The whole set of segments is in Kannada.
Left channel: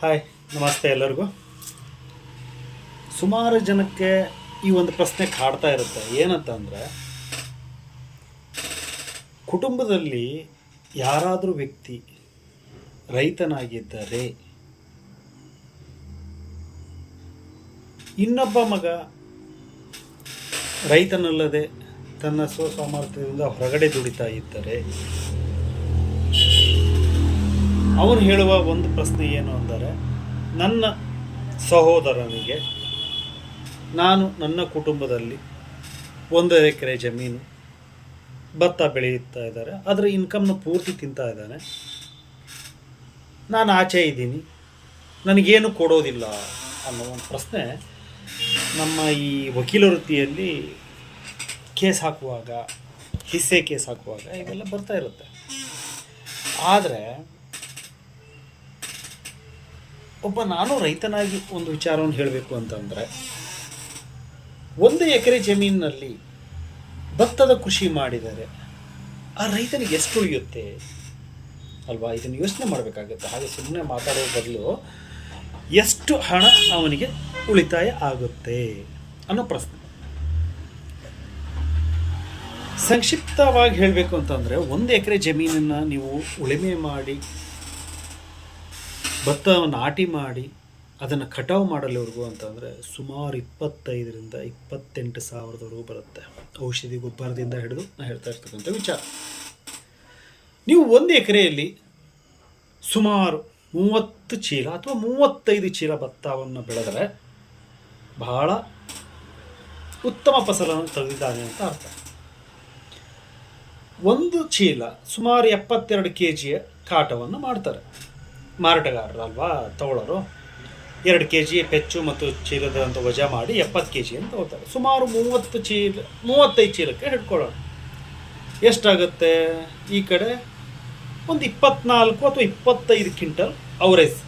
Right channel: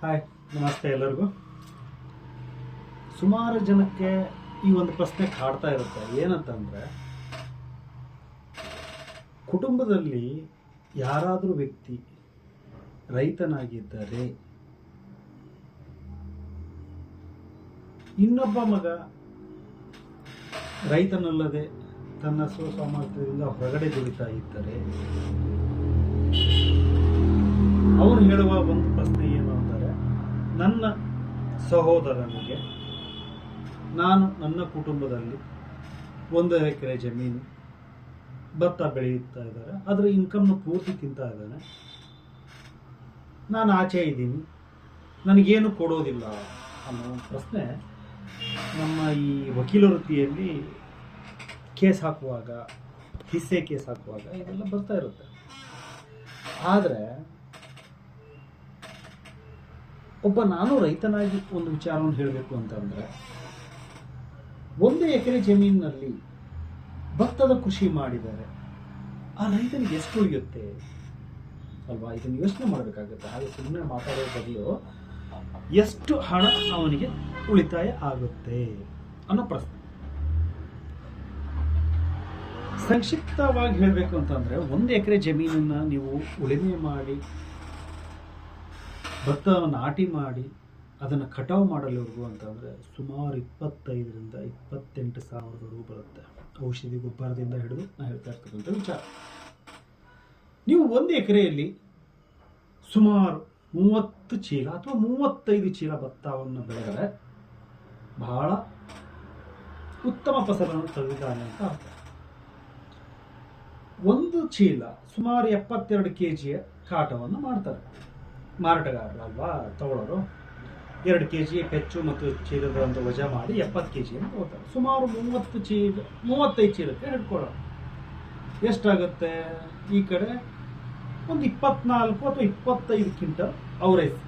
ಹಾಯ್, ನಮಸ್ತೆ ಎಲ್ಲರಿಗೂ. ಸುಮಾರು ಜನಕ್ಕೆ ಈ ಒಂದು ಪ್ರಶ್ನೆ ಕಾಡ್ತಾ ಇರುತ್ತೆ. ಏನಂತಂದರೆ, ಕುಟುಂಬದಲ್ಲಿ ಯಾರಾದರೂ ವ್ಯಕ್ತಿ ರೈತನಾಗಿದ್ದರೆ ಇನ್ನೊಬ್ಬ ಮಗ ರೈತನಲ್ಲದೆ ತನ್ನ ಸ್ವಸಾಮರ್ಥ್ಯದಿಂದ ಹೊರಗಡೆ ದುಡಿತಾ ಇದ್ದರೆ ಅವನು ಹೇಳುವ ಒಂದು ಪ್ರಶ್ನೆ ಏನು ಅಂದರೆ, ನನ್ನ ಸಹೋದರನಿಗೆ ನಾನು ನನ್ನ ಕುಟುಂಬದಲ್ಲಿ 1 ಎಕರೆ ಜಮೀನು ಭತ್ತ ಬೆಳೆಯುತ್ತಾ ಇದ್ದಾರೆ, ಅದರ ಇನ್ಕಮ್ನ ಪೂರ್ತಿ ತಿಂತಾ ಇದ್ದಾನೆ, ನಾನು ಆಚೆ ಇದ್ದೀನಿ, ನನಗೇನು ಕೊಡೋದಿಲ್ಲ ಅನ್ನೋ ಒಂದು ಪ್ರಶ್ನೆ ನಮ್ಮ ಈ ವಕೀಲ ವೃತ್ತಿಯಲ್ಲಿ ಕೇಸ್ ಹಾಕುವಾಗ, ಹಿಸ್ಸೆ ಕೇಸ್ ಹಾಕುವಾಗ ಇವೆಲ್ಲ ಬರ್ತಾ ಇರುತ್ತೆ. ಆದರೆ ನಾನು ರೈತನಾಗಿ ಒಂದು ವಿಚಾರವನ್ನು ಹೇಳಬೇಕು ಅಂತಂದರೆ, 1 ಎಕರೆ ಜಮೀನಿನಲ್ಲಿ ಭತ್ತದ ಕೃಷಿ ಮಾಡಿದರೆ ಆ ರೈತನಿಗೆ ಎಷ್ಟು ಉಳಿಯುತ್ತೆ ಅಲ್ವಾ? ಇದನ್ನು ಯೋಚನೆ ಮಾಡಬೇಕಾಗುತ್ತೆ. ಹಾಗೆ ಸುಮ್ಮನೆ ಮಾತಾಡೋ ಬದಲು ಎಷ್ಟು ಹಣ ಅವನಿಗೆ ಉಳಿತಾಯ ಆಗುತ್ತೆ ಅನ್ನೋ ಪ್ರಶ್ನೆ. ಸಂಕ್ಷಿಪ್ತವಾಗಿ ಹೇಳಬೇಕು ಅಂತಂದರೆ, 1 ಎಕರೆ ಜಮೀನನ್ನು ನೀವು ಉಳುಮೆ ಮಾಡಿ, ಭತ್ತ ನಾಟಿ ಮಾಡಿ, ಅದನ್ನು ಕಟಾವು ಮಾಡಲಿವರೆಗೂ ಅಂತಂದರೆ ಸುಮಾರು 25,000ರಿಂದ 28,000ವರೆಗೂ ಬರುತ್ತೆ. ಔಷಧಿ ಗೊಬ್ಬರದಿಂದ ಹಿಡಿದು ನಾನು ಹೇಳ್ತಾ ಇರ್ತಕ್ಕಂಥ ವಿಚಾರ. ನೀವು 1 ಎಕರೆಯಲ್ಲಿ ಸುಮಾರು 30 ಚೀಲ ಅಥವಾ 35 ಚೀಲ ಭತ್ತವನ್ನು ಬೆಳೆದರೆ ಬಹಳ ಉತ್ತಮ ಫಸಲನ್ನು ತೆಗೆದಿದ್ದಾನೆ ಅಂತ ಅರ್ಥ. 1 ಚೀಲ ಸುಮಾರು 72 kg ಕಾಟವನ್ನು ಮಾಡ್ತಾರೆ ಮಾರಾಟಗಾರರು ಅಲ್ವಾ, ತಗೊಳ್ಳೋರು. 2 kg ಪೆಚ್ಚು ಮತ್ತು ಚೀಲದ ಅಂತ ವಜಾ ಮಾಡಿ 70 kg ಅಂತ ತಗೋತಾರೆ. ಸುಮಾರು 35 ಚೀಲಕ್ಕೆ ಹಿಡ್ಕೊಳ್ಳೋಣ. ಎಷ್ಟಾಗುತ್ತೆ? ಈ ಕಡೆ ಒಂದು 24 ಅಥವಾ 25 ಕ್ವಿಂಟಲ್ ಅವರೇಜ್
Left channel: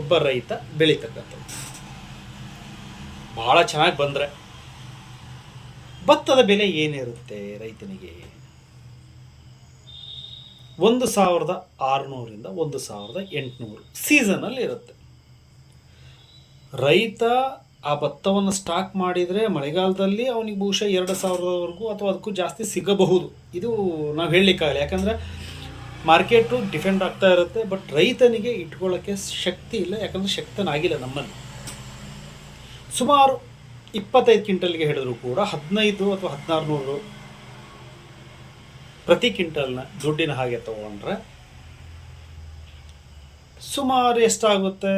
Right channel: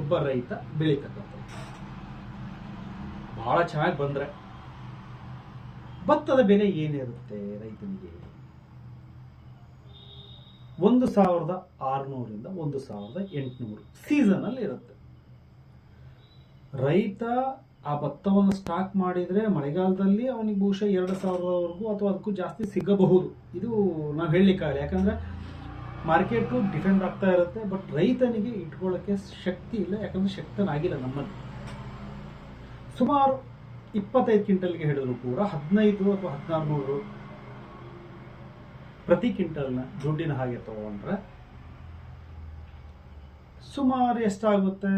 ಒಬ್ಬ ರೈತ ಬೆಳೀತಕ್ಕಂಥದ್ದು. ಭಾಳ ಚೆನ್ನಾಗಿ ಬಂದರೆ ಭತ್ತದ ಬೆಲೆ ಏನಿರುತ್ತೆ ರೈತನಿಗೆ? 1,600ರಿಂದ 1,800 ಸೀಸನಲ್ಲಿ ಇರುತ್ತೆ. ರೈತ ಆ ಭತ್ತವನ್ನು ಸ್ಟಾಕ್ ಮಾಡಿದರೆ ಮಳೆಗಾಲದಲ್ಲಿ ಅವನಿಗೆ ಬಹುಶಃ 2,000ವರೆಗೂ ಅಥವಾ ಅದಕ್ಕೂ ಜಾಸ್ತಿ ಸಿಗಬಹುದು. ಇದು ನಾವು ಹೇಳಲಿಕ್ಕಾಗಲ್ಲ, ಯಾಕಂದರೆ ಮಾರ್ಕೆಟು ಡಿಫೆಂಡ್ ಆಗ್ತಾ ಇರುತ್ತೆ. ಬಟ್ ರೈತನಿಗೆ ಇಟ್ಕೊಳ್ಳೋಕ್ಕೆ ಶಕ್ತಿ ಇಲ್ಲ, ಯಾಕಂದರೆ ಶಕ್ತನಾಗಿಲ್ಲ ನಮ್ಮಲ್ಲಿ. ಸುಮಾರು 25 ಕ್ವಿಂಟಲ್ಗೆ ಹೇಳಿದ್ರು ಕೂಡ 15 ಅಥವಾ 1,600 ಪ್ರತಿ ಕ್ವಿಂಟಲ್ನ ದುಡ್ಡಿನ ಹಾಗೆ ತಗೊಂಡ್ರೆ ಸುಮಾರು ಎಷ್ಟಾಗುತ್ತೆ?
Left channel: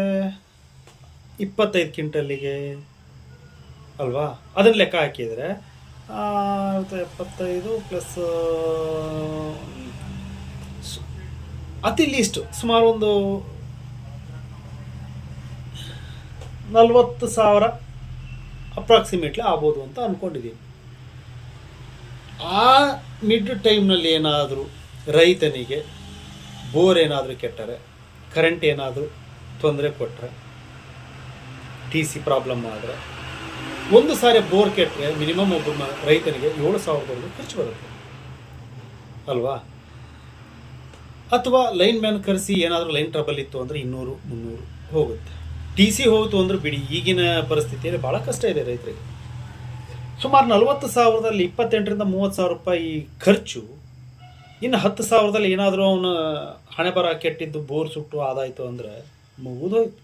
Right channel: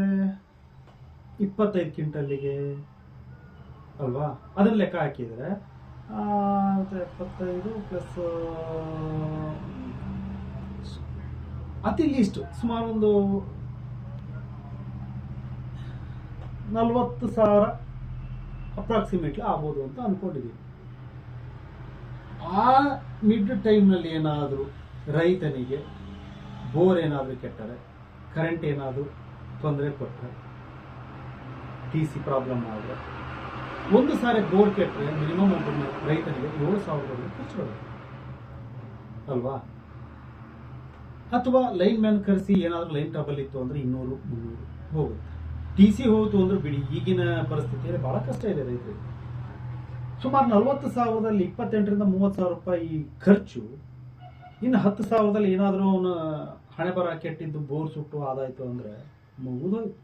25 ಕ್ವಿಂಟಲ್ಲಿಗೆ ಅಲ್ವಾ? ಅದನ್ನು ಲೆಕ್ಕ ಹಾಕಿದರೆ 75 ಪ್ಲಸ್ ಅತಿ ಲೀಸ್ಟ್ ಸುಮಾರು ಒಂದು 40,000 ಅಪ್ರಾಕ್ಸಿಮೇಟ್ಲಿ ಆಗ್ಬೋದು ಅಂತ ಅಂದ್ಕೊಂಡಿದ್ದೀನಿ. ಆ ಮಿಡ್ ಟೈಮ್ನಲ್ಲಿ ಏನಾದರೂ ರೈತನಿಗೆ ಬೋರ್ ಏನಾದರೂ ಕೆಟ್ಟರೆ, ಕರೆಂಟ್ ಏನಾದರೂ ತೊಂದರೆ ಕೊಟ್ಟರೆ, TC ಪ್ರಾಬ್ಲಮ್ ಆದರೆ, ಒಂದು ಸಾರಿ ಬೋರ್ ಕೆಟ್ಟರೆ ಮಿನಿಮಮ್ ಒಬ್ಬ ರೈತನಿಗೆ 7,000 ಖರ್ಚು ಬರುತ್ತೆ ಅಲ್ವಾ? ಅಥವಾ ಲೈನ್ ಮ್ಯಾನ್ ಕರೆಸಿ ಏನಾದರೂ ಲೈನ್ ಟ್ರಬಲ್ ಇತ್ತು ಅಂದರೆ 200-300 ಹೋಗುತ್ತೆ. TC ಹೋಯಿತು ಅಂದ್ರೆ ಬಿಡಿ, ಈಗಿನ ಪರಿಸ್ಥಿತಿಯಲ್ಲಿ ಭಾಳ ಕಷ್ಟ ಇದೆ ರೈತರಿಗೆ. ಸುಮಾರು 40,000ದಲ್ಲಿ 28,000ರಿಂದ 30,000 ರೂಪಾಯಿ ಖರ್ಚು. ಇನ್ನು 10,000ದಲ್ಲಿ ಏನಾದರೂ ಅವನು ಹಣೆ ಬರ ಕೆಟ್ಟಿದ್ದು ಬೋರ್ ಸುಟ್ಟು ಆದಾಯಿತು ಅಂದರೆ ಮುಗಿದೋಯ್ತು.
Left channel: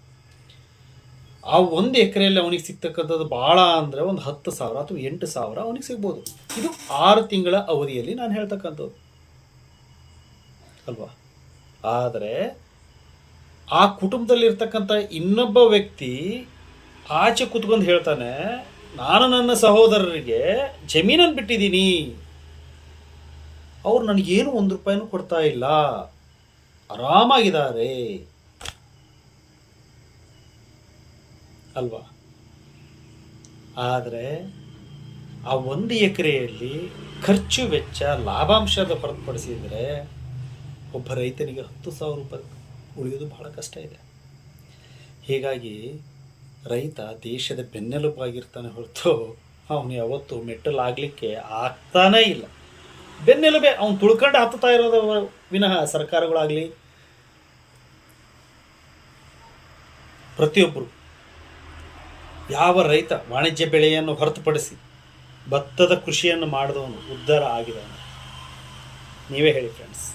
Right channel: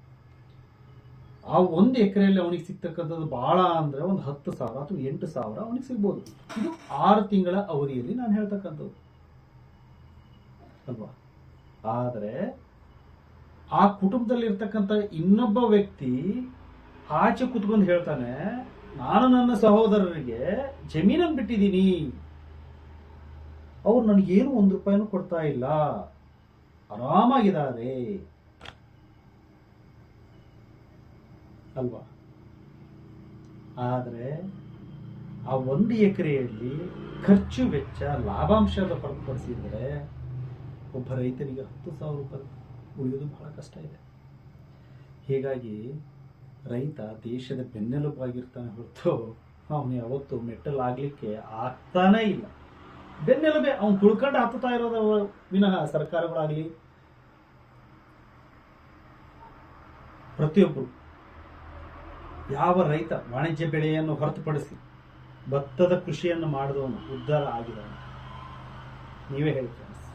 ಆ 1 ಎಕರೆಯಲ್ಲಿ ಅವನಿಗೆ ಸಿಗ್ತಕ್ಕಂಥದ್ದು ಭಾಳ ಅಂದರೆ ಒಂದು 10,000 ಅಥವಾ 8,000 ಅವನಿಗೆ ಸಿಗ್ಬೋದು. ಇದು 6 ತಿಂಗಳ ಅವಧಿಯಲ್ಲಿ ನಾನು ಹೇಳ್ತಕ್ಕಂಥದ್ದು ಅಲ್ವಾ? ಆದರೆ ಆ ಕುಟುಂಬದಲ್ಲಿರ್ತಕ್ಕಂಥ ಇನ್ನೊಬ್ಬ ವ್ಯಕ್ತಿ ಆಚೆ ಕೂತ್ಕೊಂಡು ಹೇಳ್ತಾನೆ, ನಾನು ನನ್ನ ಸಹೋದರರಿಗೆ ಜಮೀನನ್ನು ಬಿಟ್ಟಿದ್ದೀನಿ, ಅವ್ರು ನನಗೇನು 1 ರೂಪಾಯಿನೂ ಕೊಡ್ತಾ ಇಲ್ಲ, ಆರಾಮಾಗಿದ್ದಾರೆ ಅಲ್ವಾ? ಆದರೆ ಆ 1 ಎಕರೆಯಲ್ಲಿ ಖರ್ಚು ವೆಚ್ಚ ಲಾಭಾಂಶದ ಹೊರತುಪಡಿಸಿದರೆ ಒಬ್ಬ ರೈತನಿಗೆ 10,000 ರೂಪಾಯಿ ಉಳಿಯೋದು ಬಹಳ ಕಷ್ಟ ಇದೆ. ಹೀಗಾಗಿ ರೈತ ದೇಶದ ಬೆನ್ನೆಲುಬಾಗಿರ್ತಾನೆ ಹೊರತು ಅವನು ಯಾವತ್ತೂ ಮೆಟ್ಟಲಾಗಲಿಕ್ಕೆ ಆಗ್ತಾನೇ ಇಲ್ಲ. ಬೆನ್ನೆಲುಬೆ ಅವ್ನು ತುಳ್ಕೊಂಡು ಹತ್ತುತ್ತಾ ಇರೋದು ವಿನಃ ಸರ್ಕಾರಗಳಾಗಲಿ ಪ್ರತಿಯೊಬ್ಬರು ಯಾವ ರೈತ ವಾಣಿಜ್ಯ ಬೆಳೆಯನ್ನು ಹೊರತುಪಡಿಸಿ ಭತ್ತದ ಕೃಷಿಯನ್ನು ಮಾಡಿದವನು ಉದ್ಧಾರ ಆಗಿದವನು? ನೀವೇ ಹೇಳಿ ಫ್ರೆಂಡ್ಸ್.